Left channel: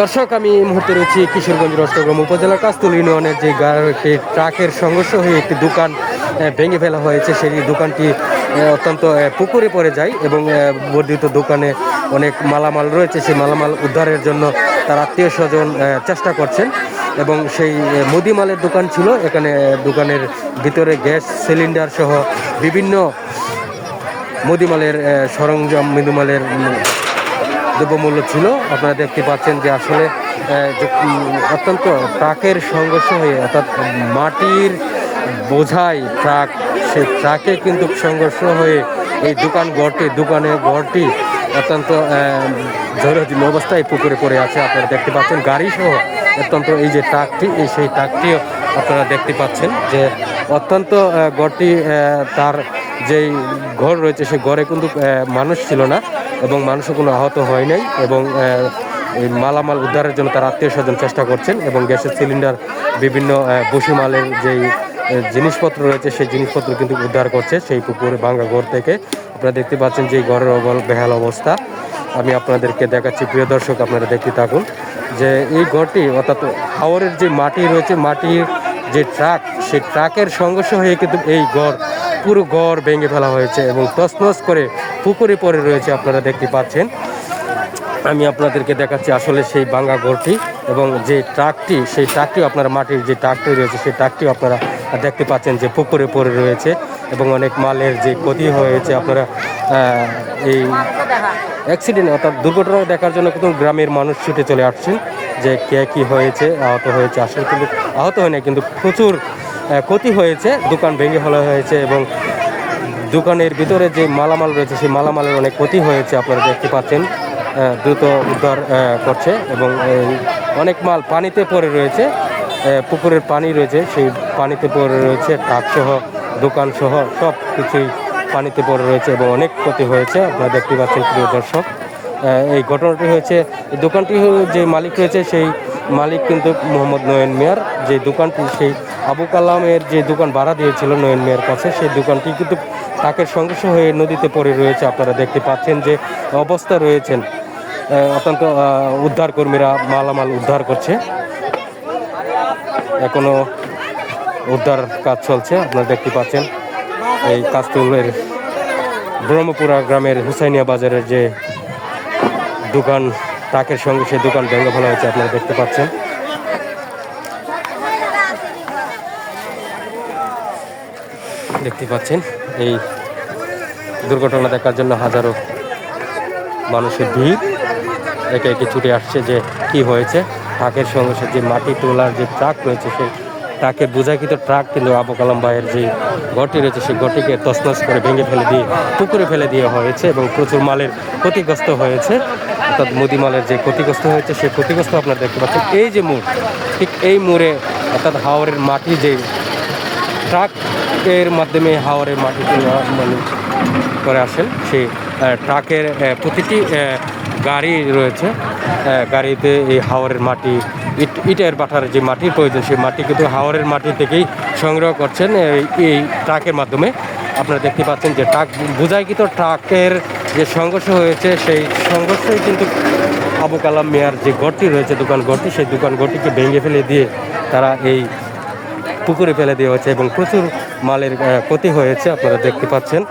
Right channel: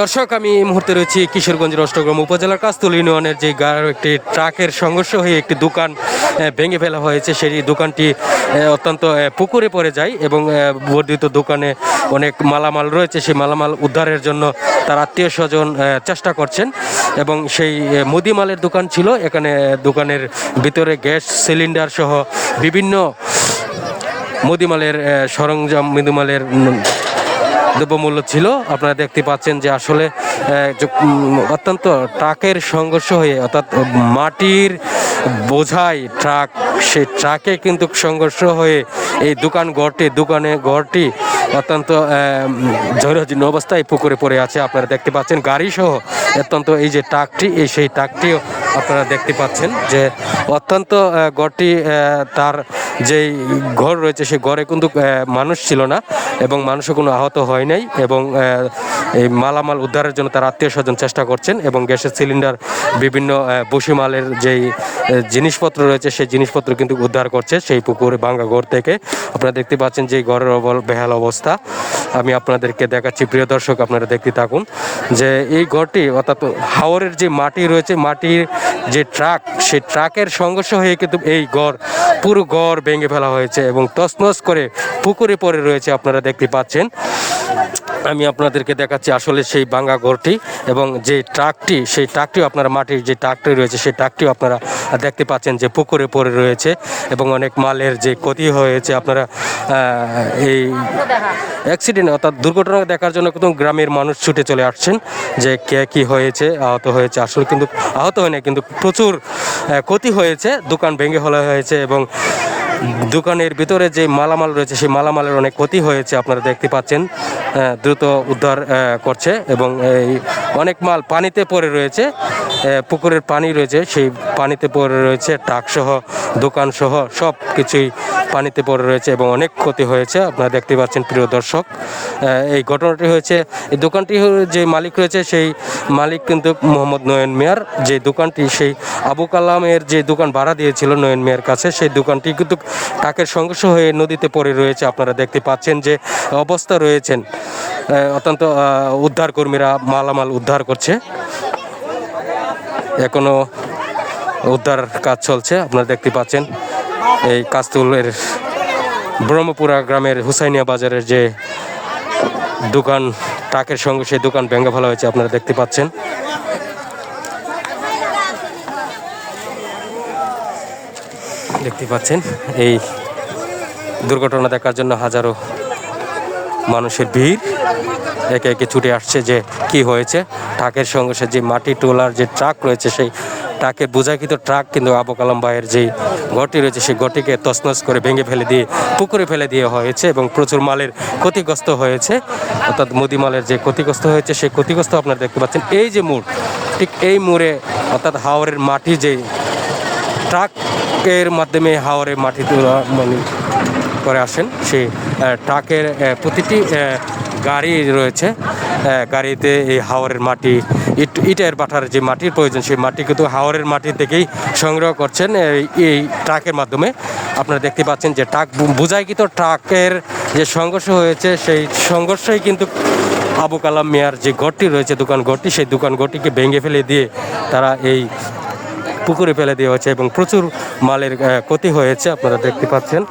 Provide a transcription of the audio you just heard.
দর্শক, আমি এই মুহূর্তে রয়েছি কিশোরগঞ্জের অষ্টগ্রাম উপজেলার কাস্তুল ইউনিয়নের যে একটি ট্রাকের সংঘর্ষ হয়ে একটি দোকান ভেঙে ফেলা হয়েছে। সেই দোকানটি অত্যন্ত পুকুরে পড়ে যায় এবং বর্ধিত দোকানে অনেক মালামাল রয়েছে। সেই মালামাল উদ্ধারের জন্য তার আত্মীয় স্বজন চেষ্টা করছেন এবং সেই মুদিমালের দোকান ছিল। এখানে দোকানের ভিতরে গ্যাস সিলিন্ডার সহ বিভিন্ন মুদিমালের সরঞ্জাম, মুদিমালের দ্রব্যমূল্য ছিল। আপনারা দেখতে পাচ্ছেন যে আসলে অত্যন্ত ট্রাকের সংঘর্ষ হয়ে, অর্থাৎ মাটির বোঝাই ট্রাক, সে ট্রাকে কিন্তু সংঘর্ষ হয়ে এই ঘরটি অত্যন্ত জরাজীর্ণ অবস্থায় পুকুরে পড়ে আছে। আপনারা দেখতে পাচ্ছেন গাড়ি সহ অত্যন্ত এই যে ট্রাকটি, সেই ট্রাকটিও আপনারা দেখতে পাচ্ছেন যে অত্যন্ত ঘরটি, তার যেই ঘর রয়েছে সেই ঘরে কিন্তু মানুষ ছিল না এবং মানুষও কোনো আহত হয় নাই এবং এই মালামাল উদ্ধারের জন্য তার আত্মীয় স্বজন চেষ্টা করছেন এবং গ্যাসের সিলিন্ডার, বিভিন্ন বসিমালের যেই জিনিসপত্র রয়েছে সেই জিনিসপত্র কিন্তু উদ্ধার করছে সেই পুকুরে ভাঙা ঘর থেকে। আপনারা দেখতে পাচ্ছেন যে ঘরের বেহাল অবস্থা। আমি আপনাদেরকে দেখাচ্ছি, প্রিয় দর্শক, আপনারা দেখতে থাকুন যে এই ঘরটি, অর্থাৎ হাওরের যে মাটি রয়েছে, মাটির যে ট্রাক, সেই ট্রাকের সংঘর্ষ হয়ে কিন্তু এই পুরো ঘর ভেঙে ফেলা হয়েছে এবং তছনছ করে পুকুরে পড়ে রয়েছে। আপনারা দেখতে পাচ্ছেন, আমি আপনাদেরকে দেখাচ্ছি আসলে সেই ভাঙা ঘরটি এবং যে ট্রাকটি, সেই ট্রাকটিও আপনারা, মাটির যে ট্রাকটি রয়েছে সেই ট্রাকটিও আপনারা দেখতে পাচ্ছেন যে পুকুরে পড়ে রয়েছে এবং অনেক মালের যে ক্ষতি হয়েছে। আপনারা এই অ্যাক্সিডেন্ট, অর্থাৎ দুর্ঘটনা দেখার জন্য কিন্তু গ্রামের মানুষ ছুটে চলে আসছেন যে কে কী হয়েছে, আহত হয়েছে। আসলে কিন্তু আহত হয় না, কিন্তু প্রচুর ক্ষতি হয়েছে, দোকান ভেঙে ফেলা হয়েছে এবং দোকানের ভিতরে যে মালামাল রয়েছে সেই মালামালের অনেক ক্ষতি হয়েছে। আপনারা দেখতে পাচ্ছেন দ্রুত উদ্ধার করছে এবং অনেক মাল পানিতে পড়ে রয়েছে, পুকুরের পানি রয়েছে, সেই পানিতে পড়ে রয়েছে, ট্রাকসহ দোকানসহ সব কিছুই পানিতে পড়ে রয়েছে এবং অনেক ক্ষতি হয়েছে। আপনারা দেখতে পাচ্ছেন, প্রিয় দর্শক, এই ঘটনাটি হয়েছে, এই দোকানটি যে মালিক রয়েছে সেই মালিক কিন্তু মোহাম্মদ নয়ন মিয়ার, যে দোকানটি সেই আবু কালামের যে দোকান ভাড়া দিয়েছিল নয়ন মিয়ার কাছে, সেই দোকানটি কিন্তু ট্রাকের সংঘর্ষ হয়ে নদীতে পড়ে রয়েছে। আপনারা দেখতে পাচ্ছেন যে অবস্থা রয়েছেন, অত্যন্ত উদ্ধারকর্মীরা মালামাল উদ্ধার করছে, এখনো উদ্ধার কাজ চলছে। আপনারা দেখতে পাচ্ছেন এই কাস্তুলের ব্রহ্মপুরা গ্রামের হুসাইনিয়া বাজারের যে দোকান, ট্রাকের সঙ্গে সেই দোকান ভেঙে ফেলা হয়েছে। আপনারা দেখতে পাচ্ছেন, এই দুর্ঘটনা দেখার জন্য হাজারো মানুষের ভিড় একে একে ছুটে আসছে যে কি হয়েছে। ট্রাকের সঙ্গে যে মাটি তোলার যে ট্রাক রয়েছে, সেই ট্রাকের বোঝাকৃত ট্রাক কিন্তু আবু কালাম ভাইয়ের যে ঘরটি রয়েছে সেই ঘরটিকে তছনছ করে ভেঙে ফেলে দিয়ে পুকুরে ফেলে দেওয়া হয়েছে এবং প্রচুর মালের ক্ষতিগ্রস্ত হয়েছে। অর্থাৎ মুদিমালের যে ক্ষতিগ্রস্ত হয়েছে সেই ক্ষতিগ্রস্ত আপনারা দেখতে পাচ্ছেন। এই যে মোড়, ঠিক এই মোড়ে, অর্থাৎ হাওরের মাটি, যে ট্রাকের মাধ্যমে হাওরের মাটি করে আসেন, সেই ট্রাকের প্রতিটি গাড়ি রয়েছে, গাড়িতে এই হাওরের মাটি, ইটের বাটার যে মাটির প্রয়োজন সেই মাটি কিন্তু হাওরের মাটি থেকেই সংগ্রহ করছেন এই ট্রাকের মাধ্যমে। আপনারা দেখতে পাচ্ছেন যে বোঝাইকৃত ট্রাকের যে সংঘর্ষ হয়েছে সেই সংঘর্ষই কিন্তু আবু কালাম মিয়ার যে ঘরটি রয়েছে, দোকান ঘরটি, সেই দোকান ঘরটিকে ভেঙে ফেলে দিয়ে তারা এই পুকুরে ফেলে দেওয়া হয়েছে এবং প্রচুর মালের ক্ষতি হয়েছে। আপনারা দেখতে পাচ্ছেন।